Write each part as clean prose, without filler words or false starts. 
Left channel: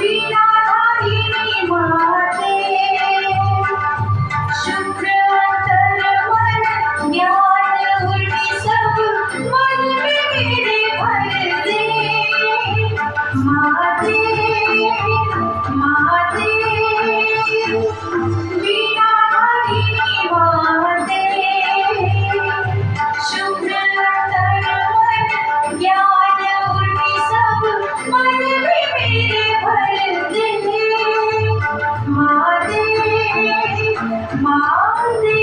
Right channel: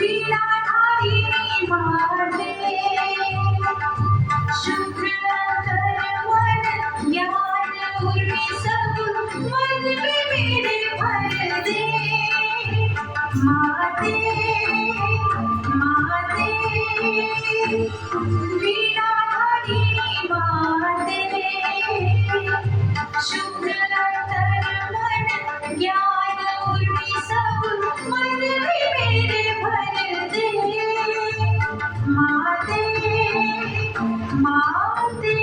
वीणाधारिणी माते, शुभ्र अंतर मन ज्ञान उर्मी सब मन में मेरे भर दे। माते माते वीणाधारिणी माते, शुभ्र अंतर मन ज्ञान उर्मी सब मन में मेरे भर दे। माते माते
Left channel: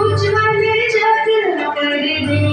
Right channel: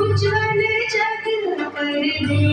उज्ज्वल जग कर दे।